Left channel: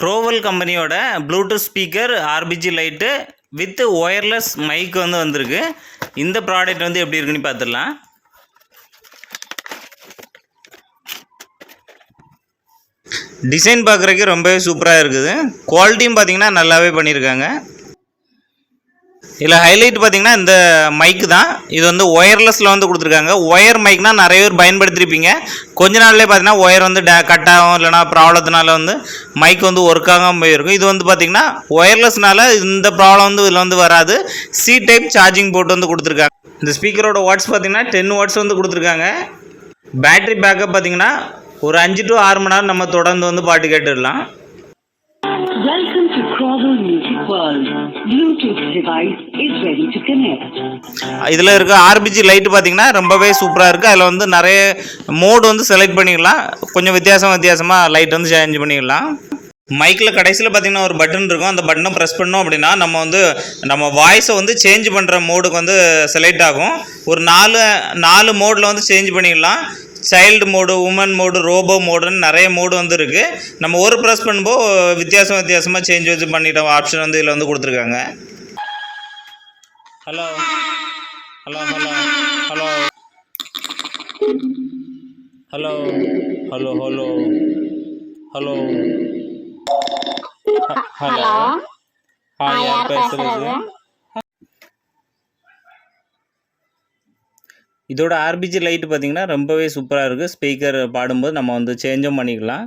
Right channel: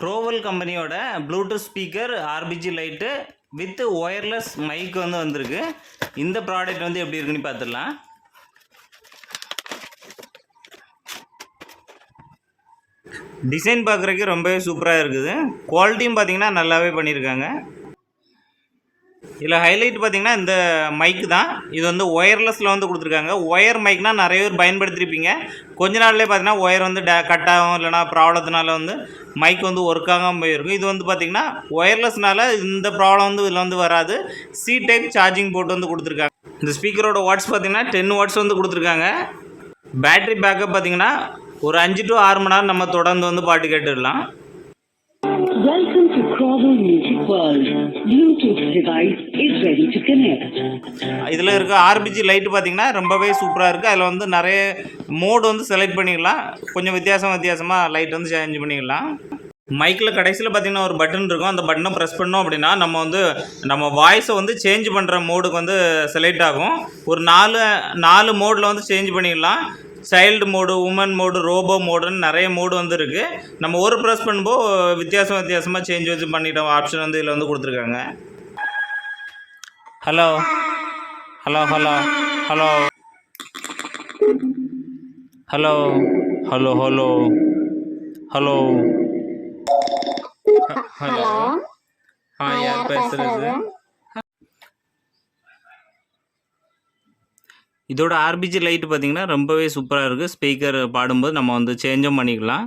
க்ரோவல் கம்பெனியோட bluetooth speaker ஆர்பிஜி light with wireless mic வந்து வந்திருக்கு. இந்த ப்ராடக்ட் வந்து எப்படி இருக்குன்னு பார்த்துடலாம் டிசைன் பார்க்குறதுக்கு ரொம்பவே சூப்பராக இருக்குது. குவாலிட்டியும் பார்த்தீங்கன்னா நல்லாவே பண்ணியிருக்காங்க இதில் ஹைலைட் பார்த்தீங்கன்னா இந்த மைக் தான். இது வந்து ஒயர்லெஸில் வந்து கொடுத்துருக்காங்க. ஒயர் மைக்னால் நிறைய பேர் பயன்படுத்திருப்பீங்க. கொஞ்ச நாள்லேயே பார்த்தீங்கன்னா ஒயர் வந்து டே கட் ஆகும் இல்லைனா ப்ராப்ளத்தினால வந்து மைக் வந்து ஒர்க் ஆகாமல் போயிருக்கும். இது வந்து பார்த்தீங்கன்னா ஒயர்லெஸ்னால இந்த ப்ராப்ளம் வந்து இதில் வந்து வராது. சி டைப் சார்ஜிங் போட்டு வந்து கொடுத்துருக்காங்க. இந்த ஸ்பீக்கரோட வாட்ஸ் பார்த்தீங்கன்னா டென் வாட்ஸ் வந்து கொடுத்துருக்காங்க. பேட்டரி பேக்கப் பார்த்தீங்கன்னா ஒரு அஞ்சு டு ஆறு மணி நேரம் நம்ம தொடர்ந்து வந்து பாட்டு கேட்டுடலாம். Welcome to Crowell Music World. Bluetooth device is ready to connect. இதில் இருக்க ஆர்பிஜி லைட்டு பார்த்தீங்கன்னா ரொம்பவே சூப்பராக இருக்குது அதில் வந்து நிறைய மோடு வந்து செலக்ட் பண்ணிக்கலாம். கொஞ்சம் வித்தியாசம் வித்தியாசமாக லைட் வந்து சேஞ்ச் பண்ணிக்கலாம். மைக்கில் கடைசியில் பார்த்திங்கன்னா ஒரு பட்டன் இருக்கும். அந்த பட்டனை ப்ரெஸ் பண்ணோம் அப்படின்னா நம்ம வந்து நம்ம வாய்ஸை வந்து சேஞ்ச் பண்ணுற மோடுக்கு வந்து செலக்ட் ஆகும். ஒரு நாலு நாலு மோடில் வந்து சேஞ்ச் பண்ணிக்கலாம். Child mode woman mode robot மோடுன்னு நிறைய மோடு வந்து இருக்குது நம்ம ஒரு ப்ரெஸ் பண்ணும்போது வித்தியாசம் வித்தியாசமாக சேஞ்ச் வச்சு பண்ணிட்டோம். ஆப்ஷன் வந்து இதில் வந்து கொடுத்துருக்காங்க. Hello hello hello hello hello hello hello hello hello ஆ யார் பேசுறது? இதோட ஆர்பிஜி லைட்டு பார்த்தீங்கன்னா ரொம்பவே சூப்பராக இருக்குது ஸ்பீக்கர் பாடும்போது நம்ம வந்து சேஞ்சும் பண்ணிக்கலாம்.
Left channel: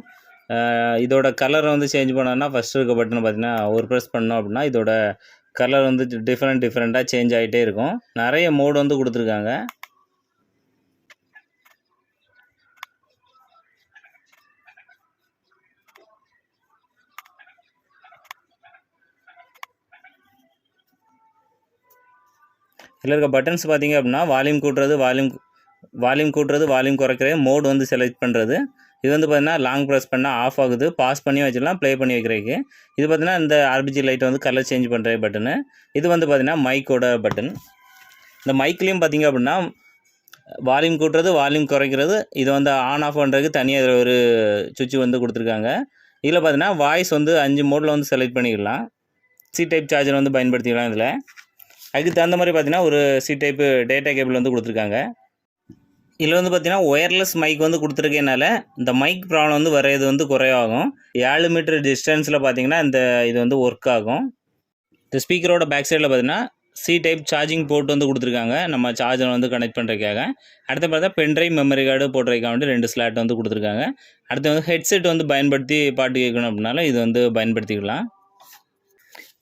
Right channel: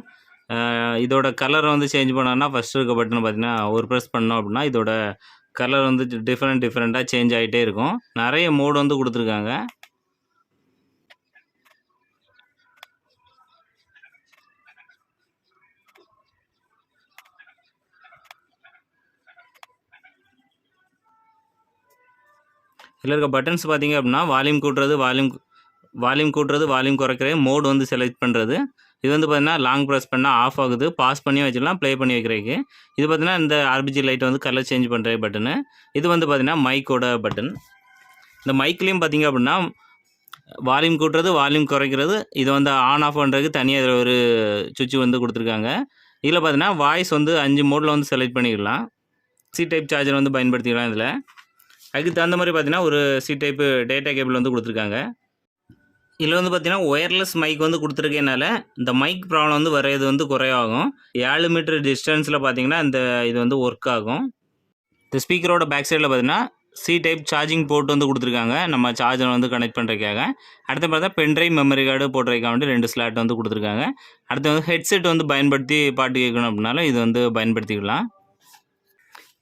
இதோட கலரை வந்து சேஞ்ச் பண்ணோம்னா ஃபஸ்ட்டு இருக்க பட்டன் பார்த்தீங்கன்னா ஒரு ப்ரெஸ் பண்ணோம் அப்படின்னா இதோட கலர் வந்து டிஃப்ரெண்ட் டிஃப்ரெண்ட்டாக சேஞ்ச் ஆகிட்டே இருக்கும். நிறைய மோடு வந்து கொடுத்துருக்காங்க. இதில் இருக்க பட்டன்ஸ் பார்த்தீங்க அப்படின்னா வால்யூம் கூட்டுறது வால்யூம் வால்யூம் கூட்டுறது வால்யூம் குறைக்கிறது மோடு வந்து செலக்ட் பண்ணுறது இது வந்து பார்த்தீங்கன்னா லாங் ப்ரெஸ் பண்ணால் ஆஃப் ஆகுது. பாஸ் பண்ணி வச்சிடலாம் ப்ளே பண்ணி வைக்கிறதுக்கு. இது பார்த்திங்கன்னா இந்த ஆர்பிஜி லைட் வந்து கலர் சேஞ்ச் பண்ணுற பட்டனு இது வந்து பார்த்திங்கன்னா மைக்கோட பட்டன் இந்த மைக்லேயும் பார்த்தீங்க அப்படின்னா வால்யூம் கூட்டுறது வால்யூம் குறைக்கிறது இது வந்து ஆன் ஆஃப் பண்ணுறதுக்கு தனியாக இதில் ஒரு சுவிட்ச் வந்து கொடுத்துருக்காங்க. இதில் பார்த்தீங்கன்னா வாய்ஸ் வந்து அஞ்சு மோடில் வந்து செலக்ட் பண்ணிக்கலாம். சி டைப் சார்ஜர் வந்து பயன்படுத்திக்கலாம் இதில். அதுக்கு தகுந்த மாதிரி பார்த்தீங்கன்னா ஒரு சி டைப்பு டேட்டா கேபிள் வந்து கொடுத்துருக்காங்க. இதில் வந்து பார்த்தீங்கன்னா ஒயர்லெஸ் மைக் வந்து கொடுத்துருக்கனால இந்த மைக் ப்ராப்ளம் வந்து வரையது வந்து குறையாகும் ஏழு மீட்டர் டிஸ்டன்ஸில் பார்த்தீங்கன்னா இந்த இது வந்து ஒர்க் ஆகும். இந்த ஸ்பீக்கரோட பேக் சைடில் பார்த்தீங்கன்னா சி டைப் சார்ஜிங் போர்ட் வந்து கொடுத்துருக்காங்க. நம்ம சார்ஜர் வந்து கனெக்ட் பண்ணுறதுக்காக அடுத்து பார்த்தா பென்ட்ரைவ் மெமரி கார்டு போட்டுறதுக்காக வேண்டி ரெண்டு ஸ்லாட் வந்து கொடுத்துருக்காங்க. அடுத்து வந்து ஹெட்செட் வந்து பயன்படுத்தி பாட்டு கேட்கணும் அப்படின்னாலும் இது வந்து பயன்படுத்திக்கலாம்.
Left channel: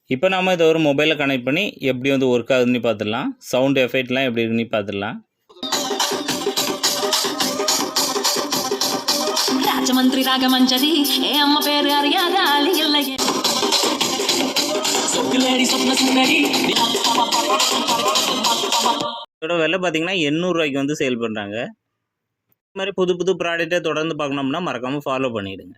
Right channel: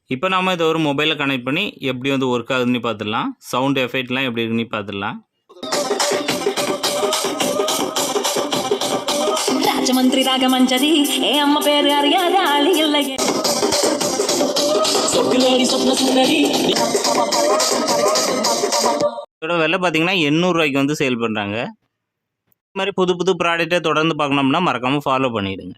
இப்போ நாம் இதை ஒரு மொபைலில் கனெக்ட் பண்ணி எப்படி வந்து ஒர்க் ஆகுதுன்னு பார்த்துடலாம் சவுண்ட் எஃபெக்ட்லாம் எப்படி இருக்குன்னு பார்த்துடலாம் இதோட விலை பார்த்தீங்கன்னா எண்ணூறுரூவாய்க்கு வந்து சேல் பண்ணுறாங்க இது மாதிரி புது புது ப்ராடக்ட்டை தொடர்ந்து பார்க்கணும்னா மறக்காமல் ஃபாலோ பண்ணிவிடுங்க